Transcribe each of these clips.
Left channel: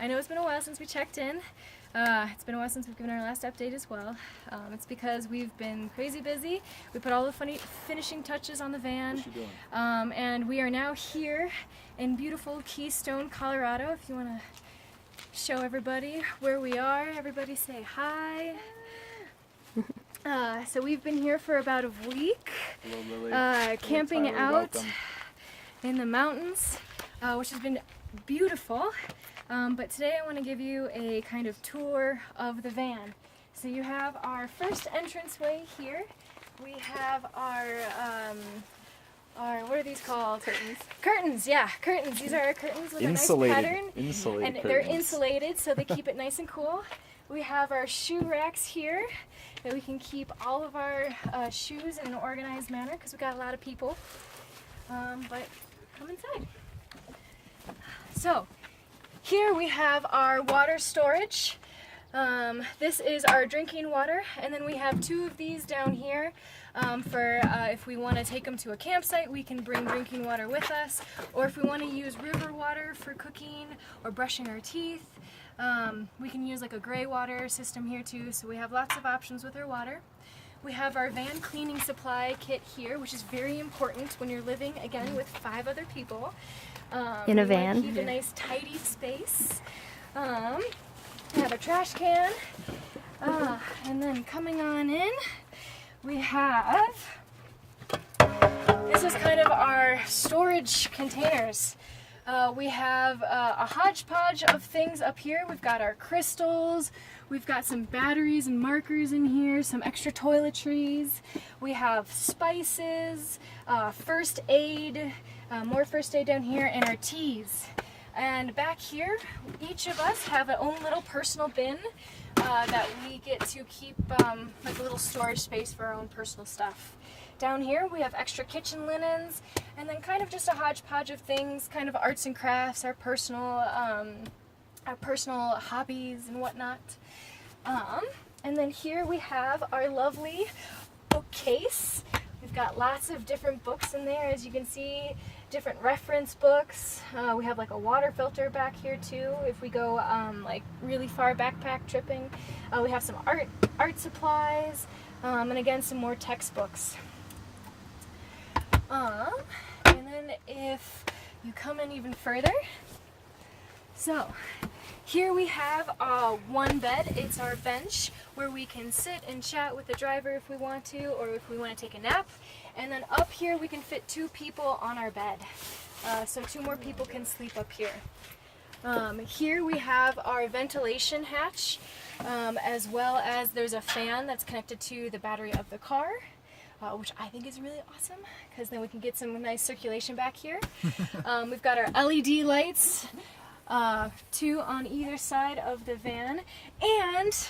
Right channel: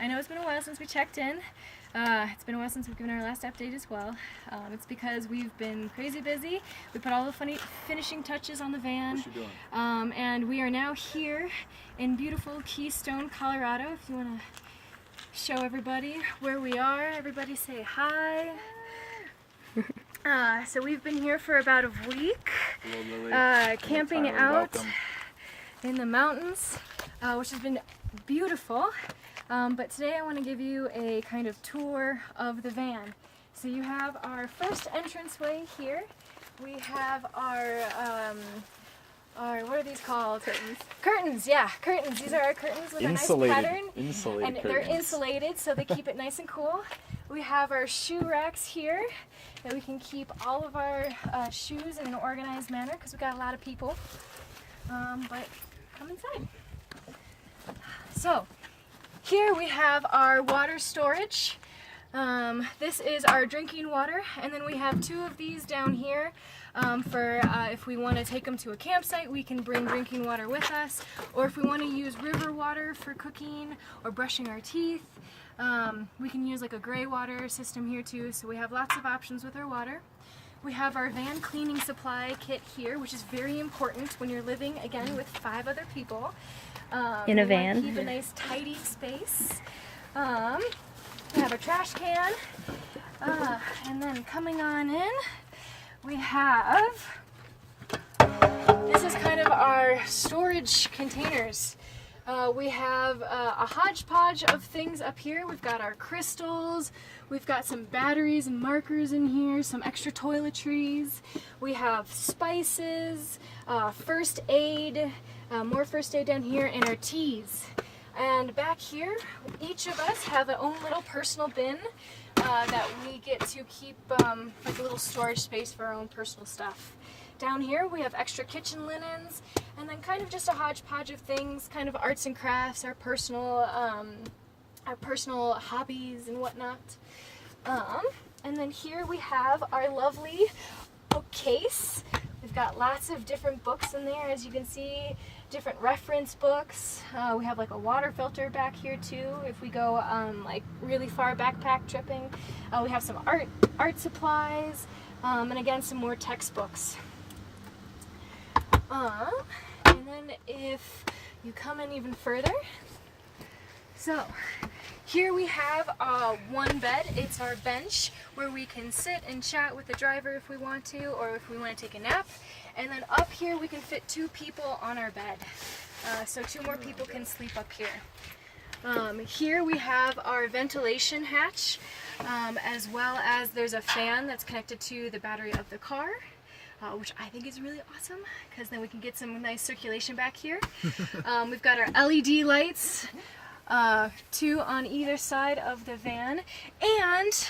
I know it's been a while since we checked in. It's been a while since we've given our last update as well. It's because we've been crazy busy. We put all the finishing touches on the van. What you doing? And we are now here in beautiful Keystone, Colorado. If you want to show everybody where we are, everybody say hi. So we've been here for about a week, Hello, Lily. camping Tyler, out welcome. in the mountains, which has been beautiful. But today I want to give you a kind of tour of the van. So you have our first entranceway here. We have our what are these called? Curtains. Curtains, yeah, curtains. These are our curtains with Insulated. a nice pattern. Insulated And curtains. they're insulated, so they keep it nice and cool. We have our shoe racks here that we can keep all of our shoes in an organized manner because we've got a lot of people. But come inside. So here we have our water storage. This is our drinking water, and then we have two of these down here for if we want to take them to a campsite, we can bring drinking water with us, or if we want to use river water for cooking or brushing our teeth, we can use like a gray water system here too, so we have lots of options with our water. We have our van cleaning supply kit here, which is very important when you're living, again, with 5 other people. In a we van. want to keep a nice tidy space. We have a trash can, and then coming on in, we have, this is kind of our storage containers. We have a hodgepodge of things up here. We've got our crystals, we've got some batteries and markers in here, some extra toiletries, we have spices, first aid, more first aid down here, and our teas. And back here, each of us have our own little personal bin that we get to keep like a little storage space for our own personal stuff. Down here we have extra kitchen linens, and then kind of just a hodgepodge of things, kind of arts and crafts, our personal hobbies and whatnot. And then here we have our lovely bookcase. We've got lots of different books in there, as you can see, different reference books. We have like a water filter back here too if we go like really far backpack tripping. We have some art supplies, and again some more textbooks. And then if you come in even further, so here we have one bed. It's our bench where we can sit and chat with the driver if we want to, or if we want to take a nap. And then up here we can fit 2 people on our bed. So 2 more people can sleep up here. Here we have our ventilation hatch, as well as there's a fan that's connected to the battery of the car. Which I think is really awesome, because then we can get some nice circulation back here. We've got our LED lights, 2 on either side of the van, and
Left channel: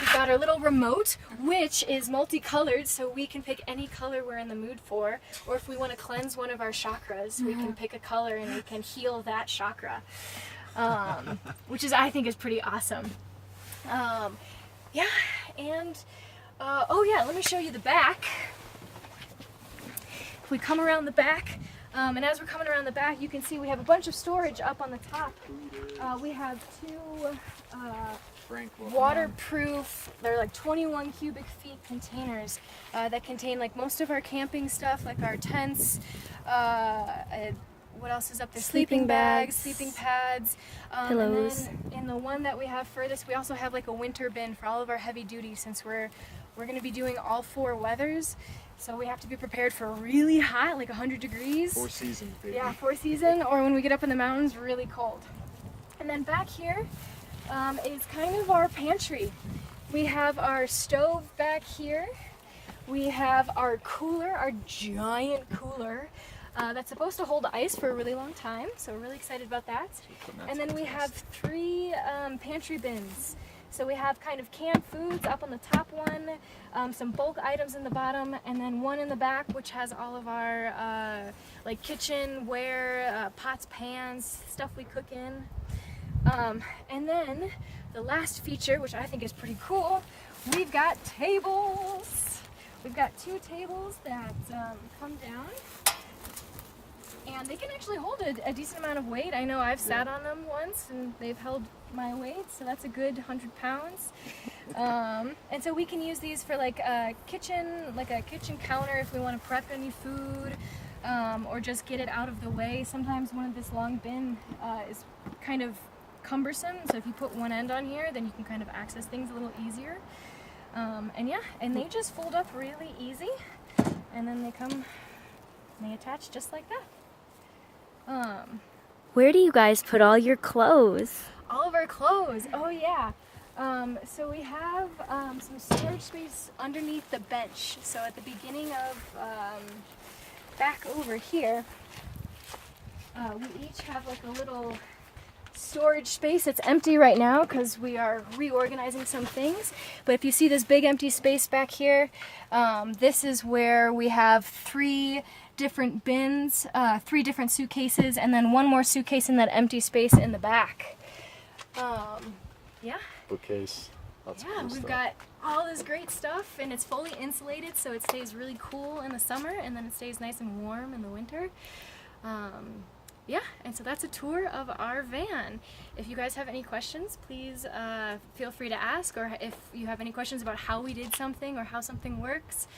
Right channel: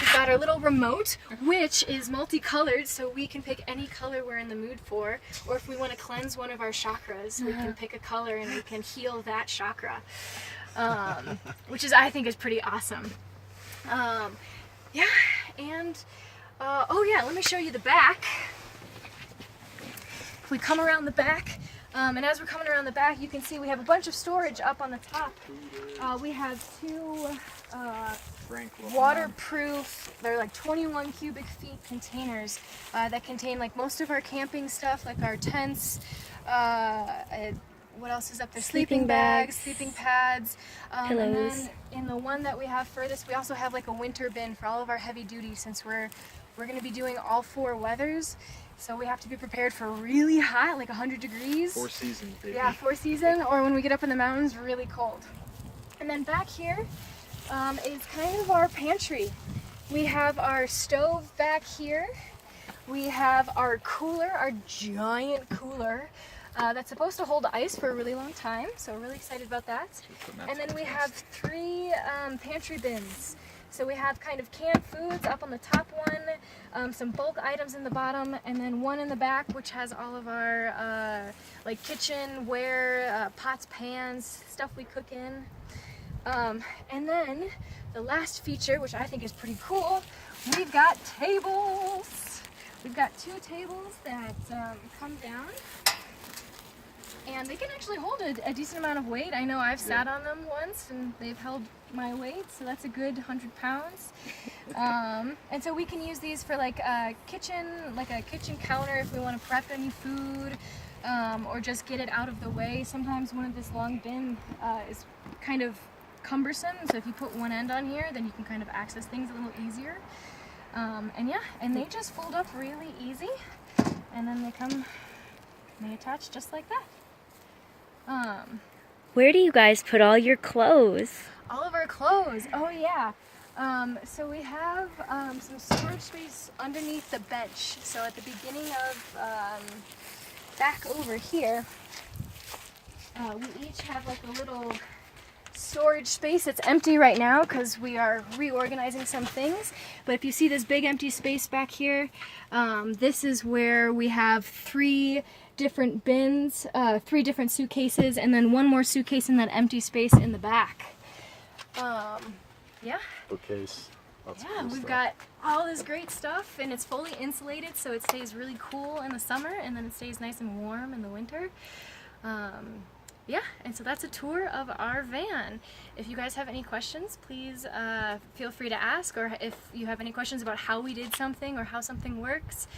we've got our little remote, which is multicolored, so we can pick any color we're in the mood for, or if we want to cleanse one of our chakras, we can pick a color and we can heal that chakra, which is, I think, is pretty awesome. Yeah, and oh yeah, let me show you the back. If we come around the back, and as we're coming around the back, you can see we have a bunch of storage up on the top. We have 2 waterproof, they're like 21 cubic feet containers that contain like most of our camping stuff, like our tents, what else is up there? Sleeping bags, sleeping pads, pillows. And then in the one that we have furthest, we also have like a winter bin for all of our heavy duty, since we're going to be doing all 4 weathers. So we have to be prepared for really hot, like 100 degrees. 4 seasons, baby. Yeah, 4 season, or when we get up in the mountains, really cold. And then back here is kind of our pantry. We have our stove back here. We have our cooler, our giant cooler, that's supposed to hold ice for a really long time, so we're really excited about that. And then we have 3 pantry bins. So we have kind of canned foods up on the top one, some bulk items in the bottom, and then one in the back which has all of our like kitchenware, pots, pans, stuff we cook in. And then the last feature, which I think is pretty cool, we've got tables. We've got 2 tables that come down, and they can actually hold a decent amount of weight. I know I've sat on them once and they've held my weight, so that's a good 100 pounds. And so we can use these for like a kitchen counter if we want to prep any food, or just get it out of the way. Sometimes one of this long bin is kind of cumbersome, so if you put one end on here, then you can kind of access things a little easier. And they just fold up really easy, and then they attach just like that. Where do you guys put all your clothes? All of our clothes, oh yeah. So we have some storage space underneath the bench. So at the beginning of, back over here, we each have like a little storage space. It's empty right now because we are reorganizing some things. But if you see this big empty space back here, this is where we have 3 different bins, 3 different suitcases, and then 1 more suitcase in that empty space in the back. Yeah. Bookcase. Yeah, we've got all this great stuff, and it's fully insulated, so it stays really cool in the summer, and then it stays nice and warm in the winter. Yeah, and so that's a tour of our van. If you guys have any questions, please feel free to ask, or if you have any questions about how we did something or how something works,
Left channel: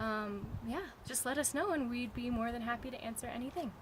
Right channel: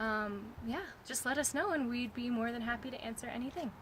yeah, just let us know, and we'd be more than happy to answer anything.